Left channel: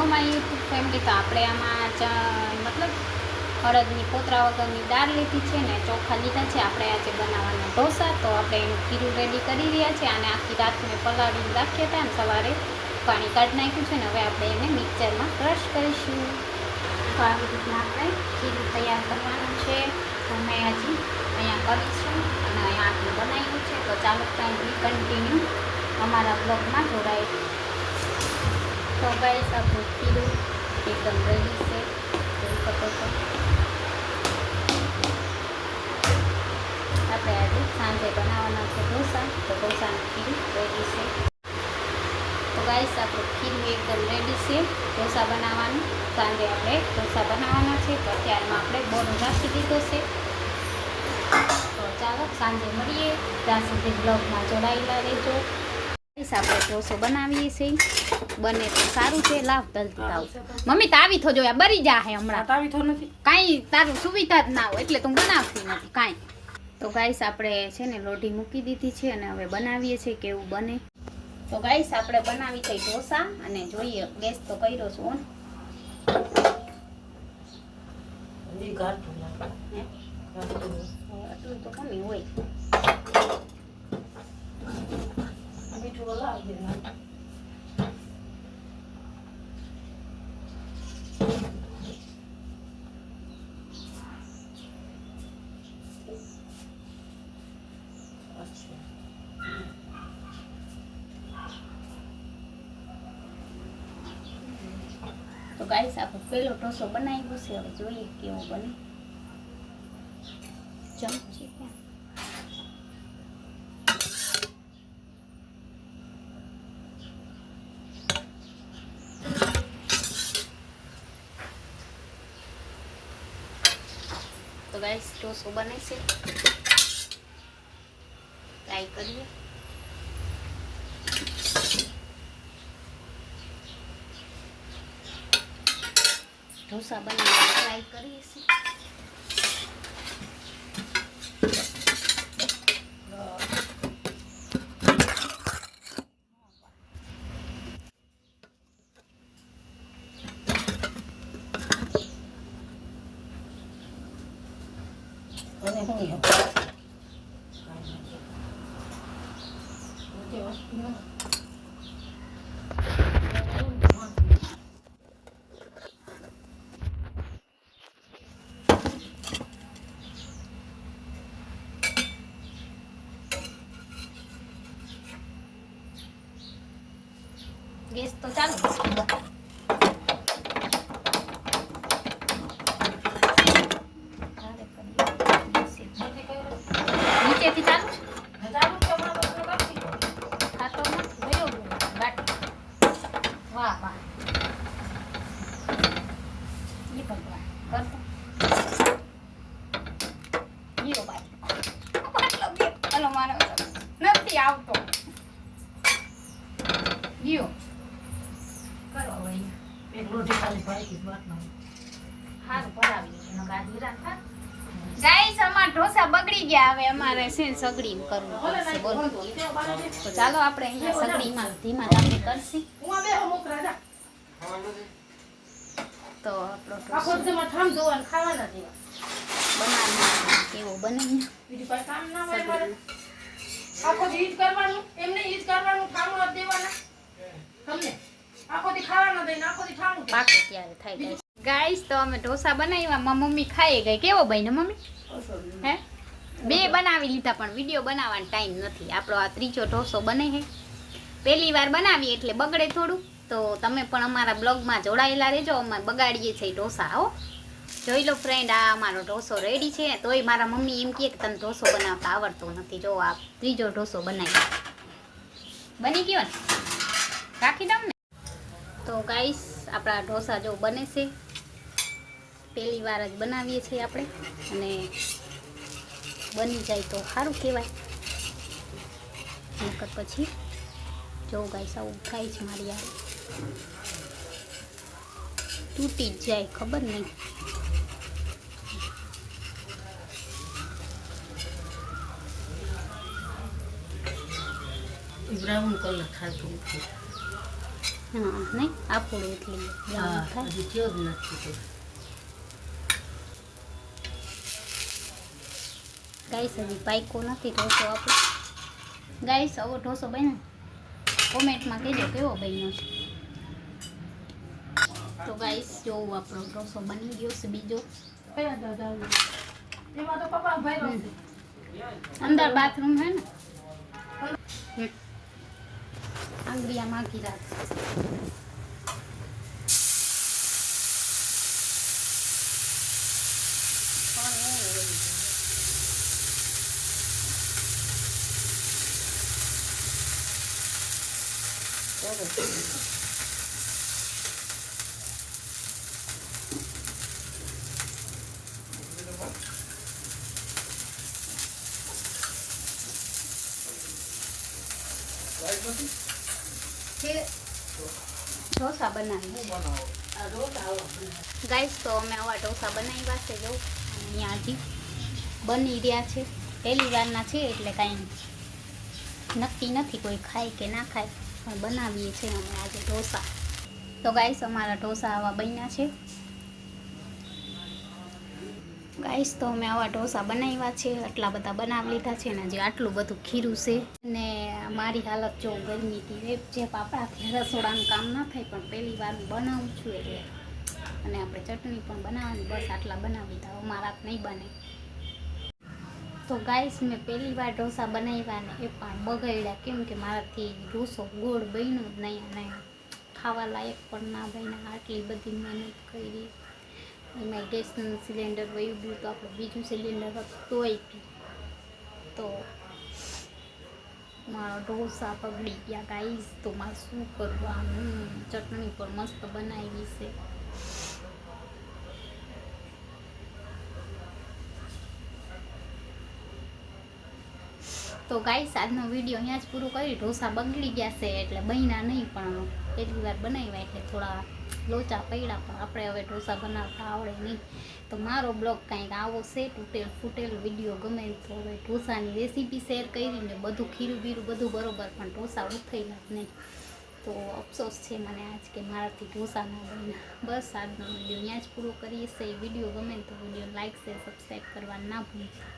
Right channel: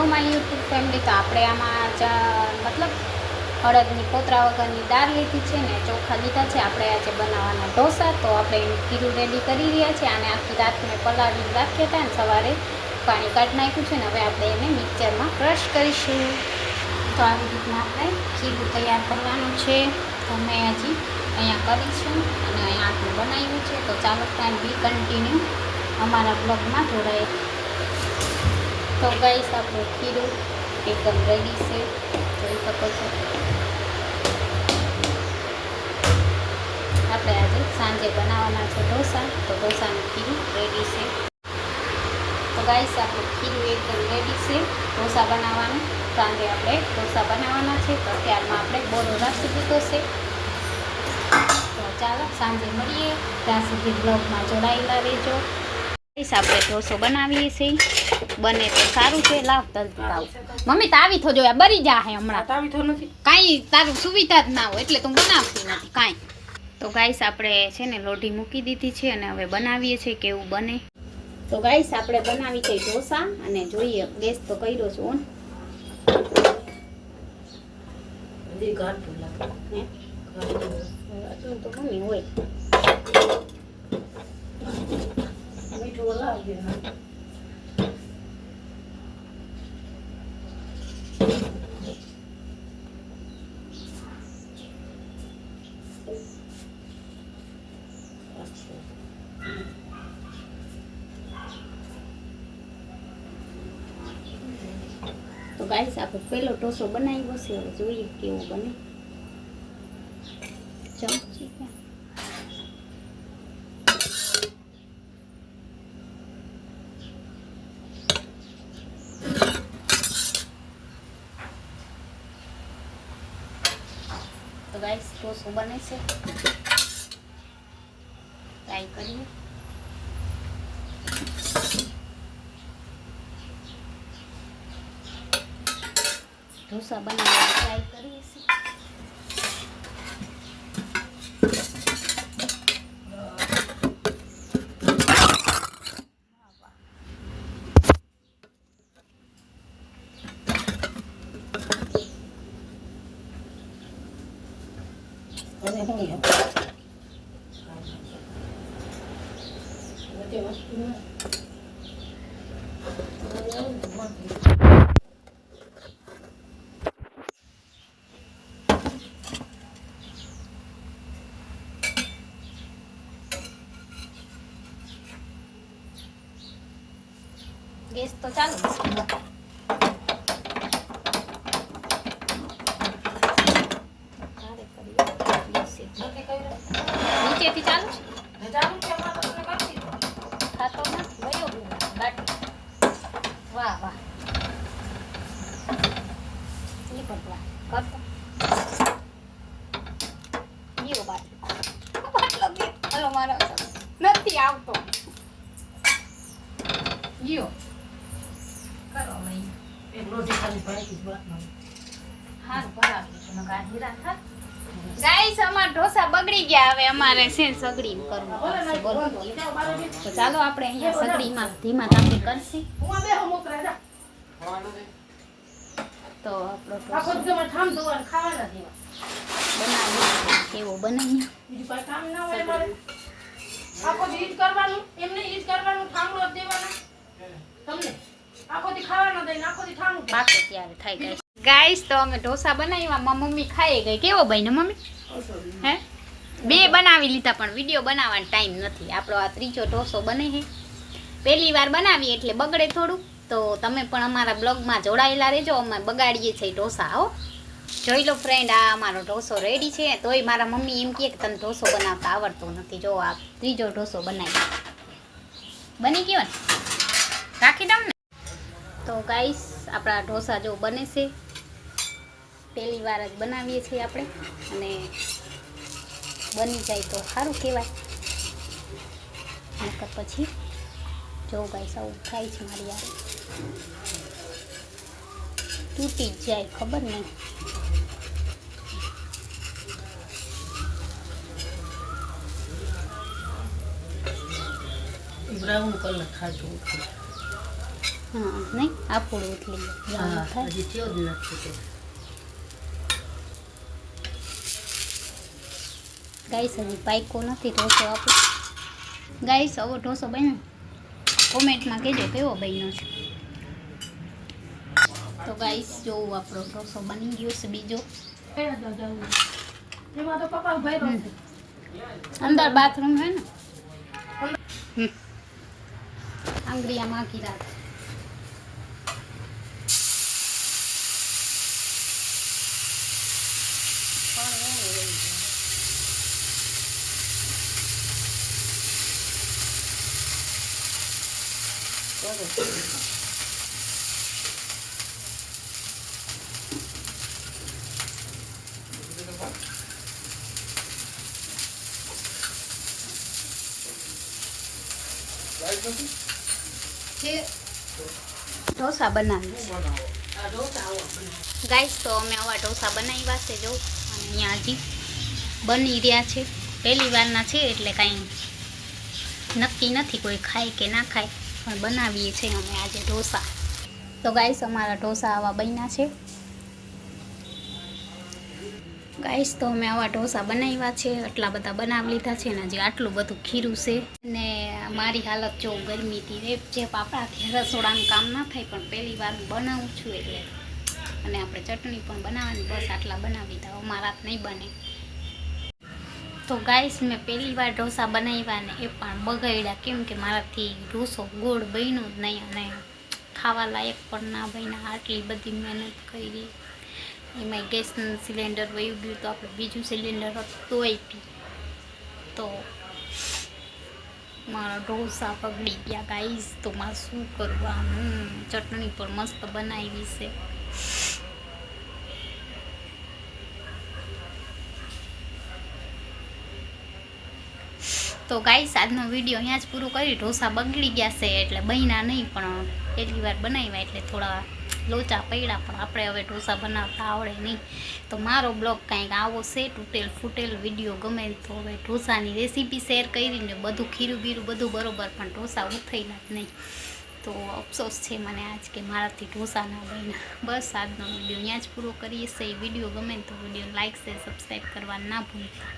Hello my YouTube family. તો આપણે આમાં મતલબ અડદની કોતરા વગરની દાળ લીધી છે ને ચોખા લીધા છે. આપણે આજે બનાવવાના ઢોસા. તો આપણે એનું ખીરું રેડી કરી રહ્યા છે. અને આખી રાત મેં પલાળીને રાખ્યા હતા અને સવારે પાણી કાઢી નાખ્યું છે ને હવે આપણે એને મિક્સરમાં ક્રશ કરીશું. તો આવી રીતના આપણે ખીરું તૈયાર કરવાનું છે. તો મેં હજી અહીંયા કરીશું અને અહીંયા આપણે બનાવ્યું છે. તો ચાલો ફ્રેન્ડ બી કન્ટિન્યુ અમારા બ્લોગમાં જોડાય. તો ગાઈસ આપણું ખીરું એકદમ રેડી છે, જોઈ શકો છો. આપણે આજે સાંજે બનાવવાના છે ઢોસા. તો ઢોસાનું ખીરું રેડી છે. તો ગાઈસ આપણું ખીરું એકદમ રેડી છે ઢોસા બનાવવાનું. સાંજે આપણે ઢોસા બનાવવાના છે. તો અત્યારમાં આપણે બોરો રાખી દીધો છે. તો ચાલો સાંજે મળીએ. ત્યાં સુધી બ્લોગમાં જોડાયેલા રહેજો. આપણે ઢોસો બનાવીએ છીએ. બને તો સારું છે. લાવ જલ્દી લાવ. મમ્મી તાવી થો જોયા બરી જા હે હમણાં. તાવી થો નથી કાંઈ તારું સુવિધા જ ના હોય એટલે તું બનાવતી નથી કાંઈ. તો ગાઈસ આપણે છે ને લોઢી મૂકી દીધી છે અને હવે બનાવીએ છીએ કેવું બને. તો ગાઈસ આપણે બનાવી છે ઢોસા અને જોઈએ. ગેસ તો કર્યો છું તો મમ્મી હોય તો ગાઈસ આપણે પેલો ઢોસો બનાવ્યો છે. હવે જોઈએ કેવું બને. ચમચી તો ગાઈસ ઢોસો બને છે. ટ્રાય કરીએ. ઢોસા બનાવવાની ટ્રાય કરીએ છીએ. ગેસ તો ચાલુ નીચેથી ચાલુ ખાતો ગયો વાહ વાહ એ ભગવાન કરતો ગયો બાટલો હલો મારો નથી આવતો ગયો ઢોસા બગડી ગયા. હવે અમારે છે સગડી કરવું પડશે. બોલો તો ચાલો આપણે અહીંયા સગડીમાં ધીમા તાપે કરશે. તો આપણો ઢોસો બનાવી કેવો બનાવી પાકે ત્યારે થાય ગાઈસ. ગાઈસ તો અમે ઢોસા બનાવ્યા. મમ્મી ખાઈ ગઈ. કેવો ભાઈ ને મમ્મી? હે બે બનાવી લીધા પણ વિડીયો બનાવવાનો ટાઈમ નથી. આપણો આ ત્રીજો ઢોસો બને છે. પહેલી વાર બનાવીએ એટલે બગડે થોડું. તો તમે પણ અમારા બ્લોગમાં જોડાયેલા રહેજો. અમે બગાડીએ છીએ ઢોસા. હો જોઈ લો ફ્રેન્ડ, આ અમારો ઢોસો રેડી છે. તોય મારા મમ્મી એમ કહે કે તને ઢોસો બનાવતા આવડતો નથી. જો આ ત્રીજો ઢોસો બનાવી બની ગયો ને રાખી દઉં ને. તો ગાઈસ આપણા ઢોસા જો બને છે. પહેલી વાર જ બનાવીએ છીએ આપણે અને બની જાય તો સારું કહેવાય. નકર પછી જો ગાઈસ આવું થાય છે મારી યાર તૂટી જાય ખબર નહીં. બ્રાઉન કલર થાય છે. હા નહીં આપણું ઉથલી ગાઈસ હજી પાઈકો નથી ઢોસો આપણો. ગાઈસ આવો ઢોસો બન્યો કોમેન્ટમાં કહેજો કેવો બન્યો છે. તો ગાઈસ જોવું આપણો ઢોસો બની ગયો છે બીજો. અંદર બાથરૂમ હે ને આંગળીયા માખી રાખ. ઢોસા બનાવી ગાઈસ. તો અમે આવા ઢોસા બનાવ્યા છે જો, અને અહીંયા હજી બની રહ્યા છે. પહેલી વારના છે એટલે કાંઈ નક્કી નથી કોઈ ખાય કે ના ખાય, પણ બનાવીએ છીએ અમે આજે ઢોસા. તો ગાઈસ અમારા ઢોસા આવા બન્યા છે. ગાઈસ તો અમે આવા ઢોસા બનાવ્યા છે, આટલા બધા બનાવી લીધા છે ને હજી આટલું બધું ખીરું છે. ને મારી હાલત જો ગરમીથી રેપ જે આપણાથી રસોડાનું કામ ના થાય, પણ પહેલી વાર બનાવું છું એટલે. અને આપણે ચટણી પણ બનાવવાની, બસ આટલા બનાવી લીધા, અમારા નહીં બને. તો ગાઈસ મેં પહેલી વાર ઢોસા બનાવ્યા ને એ પણ બગાડ્યા, કેમ કે મારાથી ઢોસો ગોળ બન્યો જ નહીં અને ખાવા લાયક પણ ના બન્યા. આટલી બધી મહેનત કરી, એમાં ગેસનું સિલિન્ડર વયું ગયું, તો આપણે બીજું સિલિન્ડર હતું તોય પી, તો મારા ઢોસા બગડી ગયા ગાઈસ. તો મારે શું કરવાનું? ચટણી પણ મસ્ત બનાવી છે. તો ગાઈસ આજનો વિડીયો અહીંયા જ પૂરો કરી. ઢોસા બગડી ગયા છે એટલે બન્યા નહીં, પણ પહેલી વાર બનાવ્યા એટલે થોડા લોચા પડ્યા, પણ આપણે હવે ઢોસા બનાવતા આવડે નહીં. તો મારો બ્લોગ કાંઈક આવો છે, તૂટેલ ફૂટેલ વિડીયો ગમે તો હવે ઢોસાની રેસીપી શેર કરીને બધું ખીરું બીરું બધું બરોબર, પણ ઢોસા ઉઠાયેલા જ નહીં. તો અફસોસ છે મને આજ કે મારાથી ઢોસા ના બન્યા. બસ આજનો વિડીયો અહીંયા જ પૂરો કરીએ છીએ. વિડીયો ગમે તો વિડીયો લાઈક શેર સબસ્ક્રાઈબ કરવા ના ભૂલતા.